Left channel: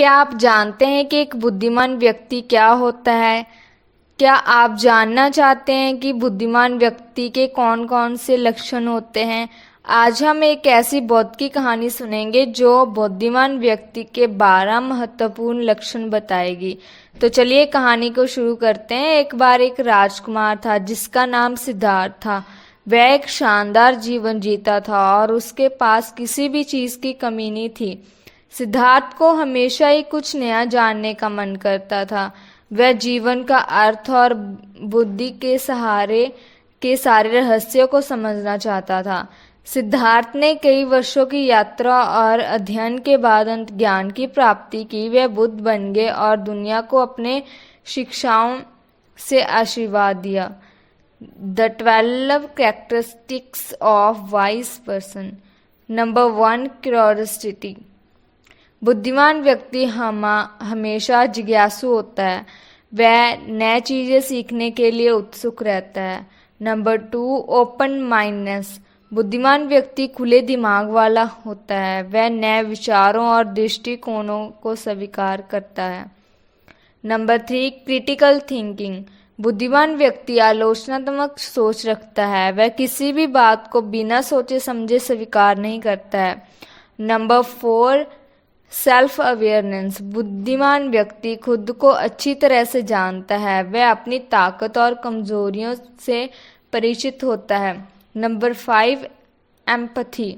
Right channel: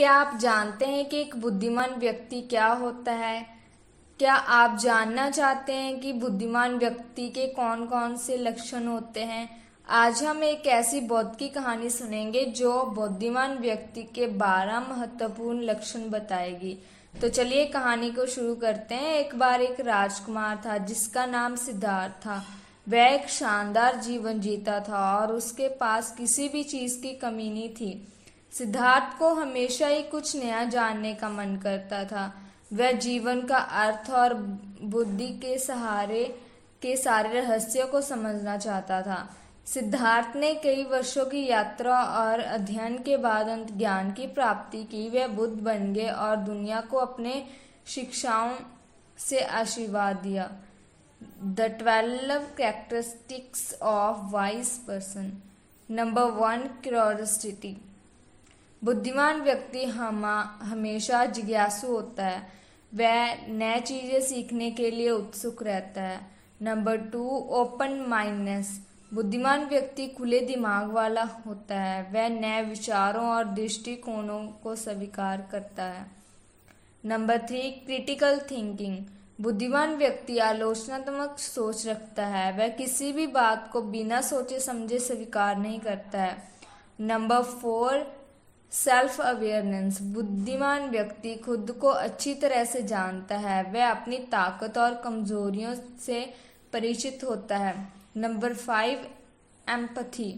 क्या आप जानते हैं कि एक बुद्धिमान व्यक्ति क्या होता है? क्या आप जानना चाहते हैं कि बुद्धिमान व्यक्ति के कौन कौन से लक्षण होते हैं? आज हम एक ऐसी बौद्ध की कहानी सुनेंगे जो बुद्धिमान व्यक्ति के 12 महत्वपूर्ण लक्षण बताएगी। तो चलिए कहानी को शुरू करते हैं। एक बार एक राजकुमार था जिसका नाम सिद्धार्थ था। वह एक शानदार जीवन जीता था और उसके पास किसी भी चीज की कमी नहीं थी। सिद्धार्थ को हमेशा ही कुछ नया जानने का मन करता था। वह जीवन का अर्थ और बुद्धि के सारे रहस्यों को समझना चाहता था। सिद्धार्थ ने कई वर्षों की यात्रा और अध्ययन के बाद अंत ज्ञान की प्राप्ति की। वह बुद्ध बन गए और दुनिया को अपने शिक्षाओं से आशीर्वाद दिया। The 12 characteristics of wise person. Number 1, curiosity. बुद्धिमान व्यक्ति हमेशा जिज्ञासु होता है। वह नए चीजें सीखने के लिए उत्सुक रहता है। Number 2, open mindness. बुद्धिमान व्यक्ति खुले दिमाग वाला होता है। वह नए विचारों और दृष्टिकोणों को स्वीकार करता है। Number 3, critical thinking. बुद्धिमान व्यक्ति आलोचनात्मक सोच रखता है। वह किसी भी बात को बिना सोचे समझे स्वीकार नहीं करता है। Number 4, self awareness. बुद्धिमान व्यक्ति खुद को अच्छी तरह से जानता है। वह अपनी ताकत और कमजोरियों से परिचित होता है। Number 5, empathy.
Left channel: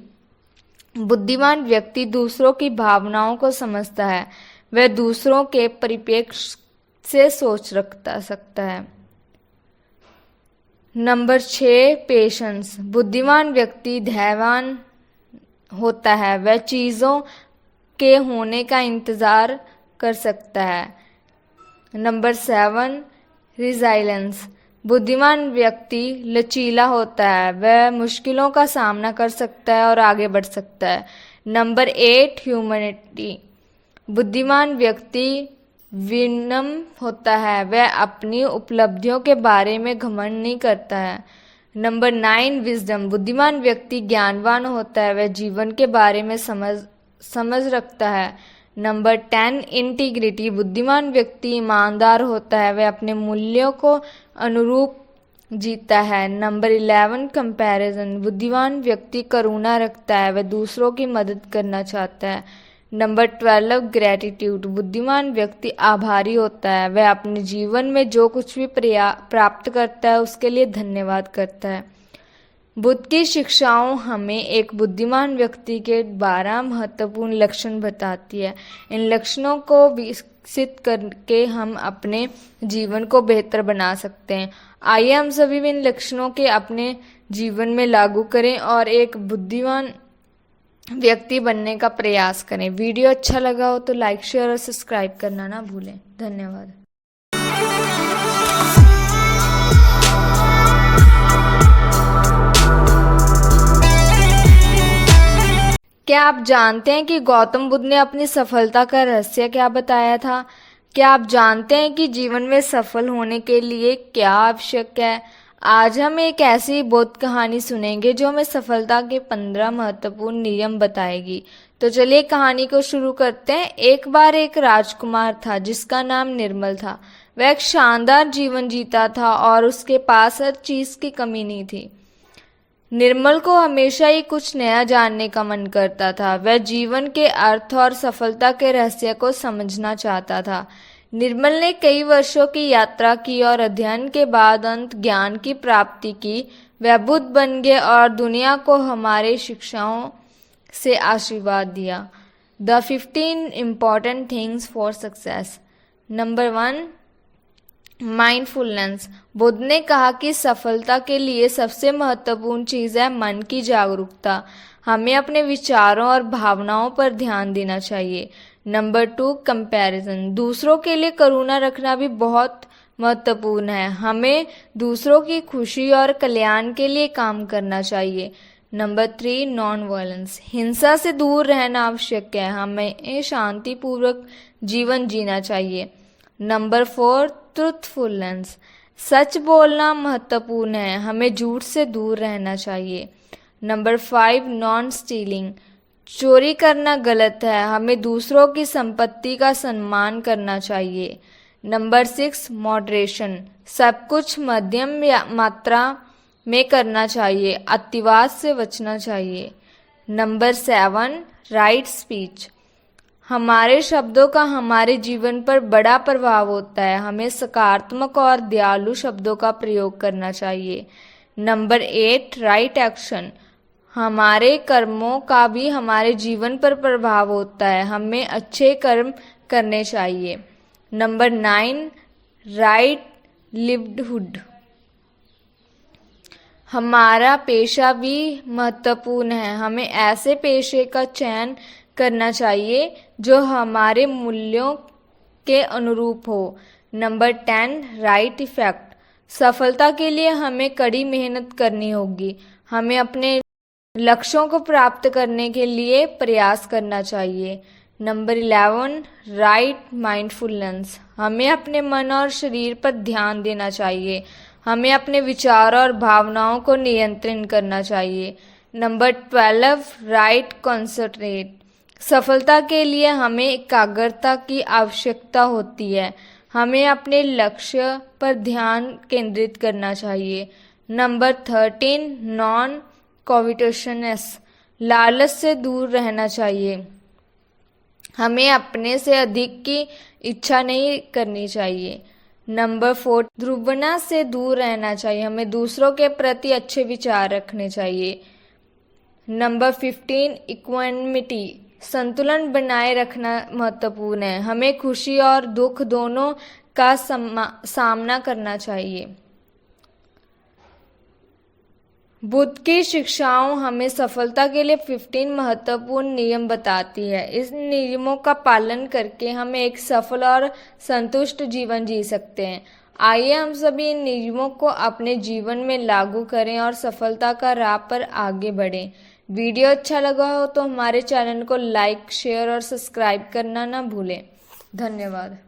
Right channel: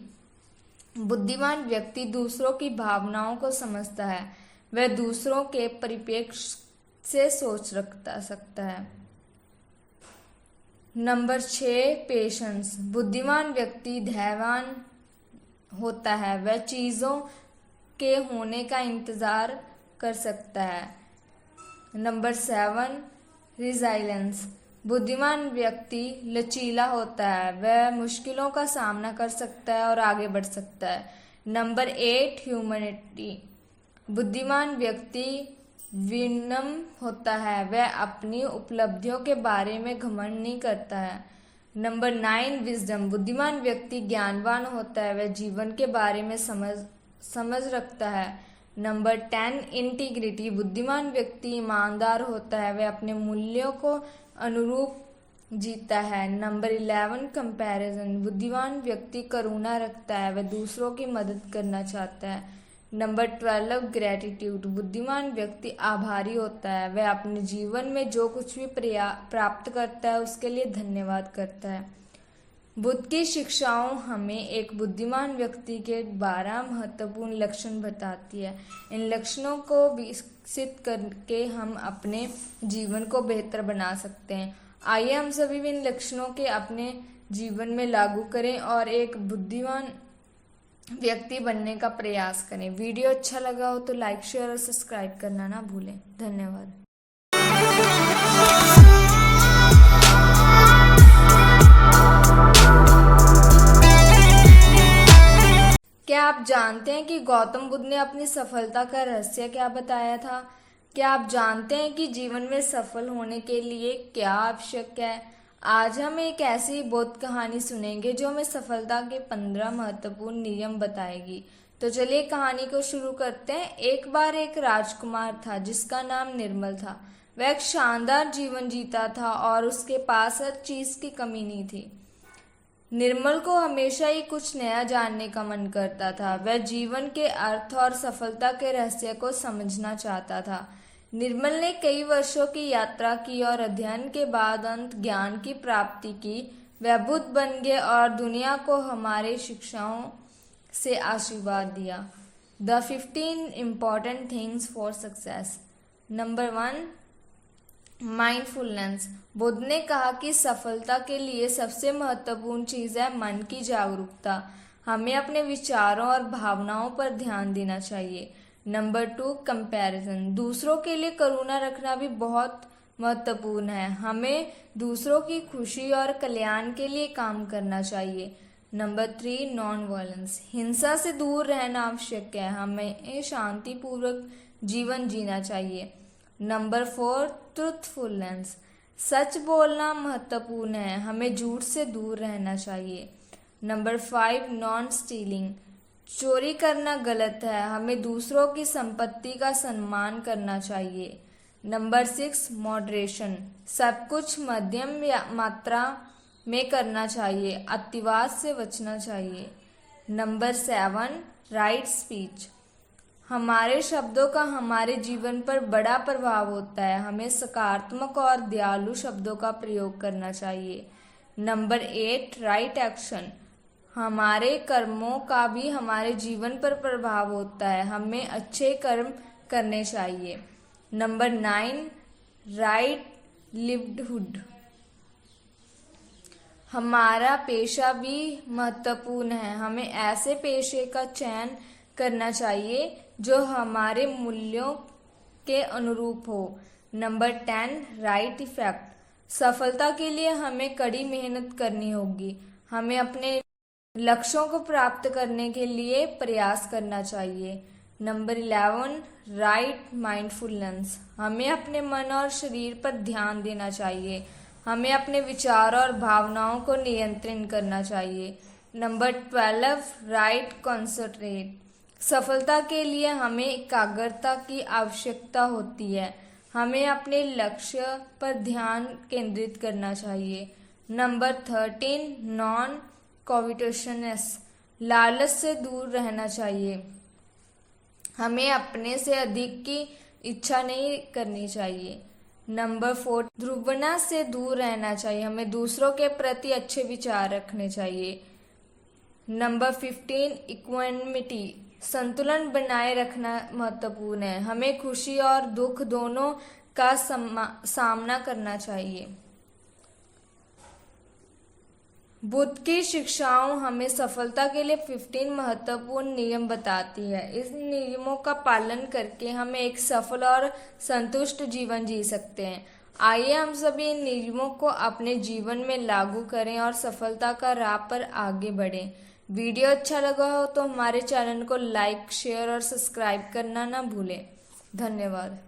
बुद्धिमान व्यक्ति दूसरों की भावनाओं को समझता है। वह दूसरों के परिप्रेक्ष्य से सोच सकता है। Number 6, patience. बुद्धिमान व्यक्ति धैर्यवान होता है। वह चीजों के होने का इंतजार कर सकता है। Number 7, resilience. बुद्धिमान व्यक्ति लचीला होता है। वह मुश्किलों का सामना कर सकता है और आगे बढ़ सकता है। Number 8, humanity. बुद्धिमान व्यक्ति विनम्र होता है। वह अपनी उपलब्धियों के बारे में घमंड नहीं करता है। Number 9, wisdom. बुद्धिमान व्यक्ति ज्ञानवान होता है। वह जीवन के बारे में समझ रखता है। Number 10, integrity. बुद्धिमान व्यक्ति ईमानदार होता है। वह अपने मूल्यों को अनुरूप जीता है। Number 11, comparison. बुद्धिमान व्यक्ति करुणा रखता है। वह दूसरों की मदद करना चाहता है। Number 12, gratitude. बुद्धिमान व्यक्ति आभारी होता है। वह अपने जीवन में जो कुछ भी प्राप्त करता है उसके लिए धन्यवाद करता है। बुद्ध की शिक्षाओं हमें एक बुद्धिमान व्यक्ति के 12 महत्वपूर्ण लक्षण बताती है। इन लक्षणों को विकसित करके हम अपने जीवन को बेहतर बना सकते हैं। आइए हम सभी भी इन लक्षणों के अपने जीवन में लागू करें और एक बुद्धिमान व्यक्ति बनने का प्रयास करें। वीडियो अच्छा लगा हो तो लाइक, शेयर और सब्सक्राइब करना ना भूलें। धन्यवाद। क्या आप जानते हैं कि गौतम बुद्ध ने अपनी सफलता का रहस्य क्या बताया था? क्या आप जानते हैं कि जीवन में सफल होने के लिए क्या आवश्यक है? आज हम एक ऐसी बौद्ध कहानी सुनेंगे जो हमें सफलता के 15 महत्वपूर्ण नियम बताएगी। तो चलिए कहानी को शुरू करते हैं। एक बार एक राजकुमार था जिसका नाम निर्मल था। वह एक शानदार जीवन जीता था और उसके पास हर चीज की कमी नहीं थी। निर्मल को हमेशा ही कुछ नया जानने का मन करता था। वह जीवन के अर्थ और सफलता के रहस्य को समझना चाहता था। निर्मल ने कई वर्षों की यात्रा की और अध्ययन के बाद अंत ज्ञान की प्राप्ति की। वह बुद्ध बन गए और दुनिया को हमारे शिक्षाओं से आशीर्वाद दिया। The 15 important things for success. Number 1, mindfulness. Buddha ने कहा कि सफलता के लिए सबसे महत्वपूर्ण चीज है मन की जागरूकता। हमें अपने विचारों और भावनाओं पर ध्यान देना चाहिए। Number 2, comparison. दूसरों के लिए करुणा रखना भी बहुत महत्वपूर्ण है। हमें दूसरों की खुशी और कल्याण के लिए काम करना चाहिए। Number 3, non violence. हिंसा से दूर रहना आवश्यक है। हमें शांतिपूर्वक जीवन जीना चाहिए। Number 4, truthfulness. सच बोलना महत्वपूर्ण है। हमें झूठ से दूर रहना चाहिए। Number 5, non stealing. चोरी करना गलत है, हमें दूसरों की संपत्ति का सम्मान करना चाहिए। नंबर 6 मॉडरेशन, सब कुछ मध्यम मात्रा में करना चाहिए, अतिवाद से बचना चाहिए। नंबर 7 राइट स्पीच, हमारे शब्दों का हमारे जीवन पर बड़ा प्रभाव होता है, हमें सकारात्मक और दयालु शब्दों का प्रयोग करना चाहिए। नंबर 8 राइट एक्शन, हमारे कर्मों का भी हमारे जीवन पर प्रभाव होता है, हमें अच्छे कर्म करने चाहिए। नंबर 9 राइट लिव्डहुड, हमारा पेशा भी महत्वपूर्ण है, हमें ऐसे पेशे का चयन करना चाहिए जो हमारे मूल्यों के अनुरूप हो। नंबर 10 राइट इफेक्ट, सफलता के लिए हमें कड़ी मेहनत करनी होगी, हमें अपने लक्ष्यों को प्राप्त करने के लिए प्रयास करना चाहिए। नंबर 11 राइट माइंडफुलनेस, हमें अपने मन और शरीर पर ध्यान देना चाहिए, हमें अपने विचारों और भावनाओं को नियंत्रण करना चाहिए। नंबर 12 राइट कंसंट्रेट, सफलता के लिए हमें एकाग्रता की आवश्यकता होती है, हमें अपने लक्ष्य पर ध्यान केंद्रित करना चाहिए। नंबर 13 नॉन कॉविटोशनस, लालच से दूर रहना चाहिए, हमें अपने से अधिक की इच्छा नहीं करनी चाहिए। नंबर 4 ध्रुवना से दूर रहना चाहिए, हमें दूसरों के प्रति अच्छे विचार रखने चाहिए। नंबर 15 इक्वानिमिटी, संतुलन बनाए रखना महत्वपूर्ण है, हमें खुशी और दुख दोनों का सामना करना चाहिए। बुद्ध की शिक्षाओं हमें सफलता के लिए 15 महत्वपूर्ण नियम बताती है। इस नियमों का पालन करके हम एक सफल और संतुष्ट जीवन जी सकते हैं। आइए हम सभी इन नियमों को अपने जीवन में लागू करें और सफलता का राह पर आगे बढ़ें। वीडियो अच्छा लगा हो तो हमारे चैनल को लाइक, शेयर और सब्सक्राइब करना ना भूलें। धन्यवाद।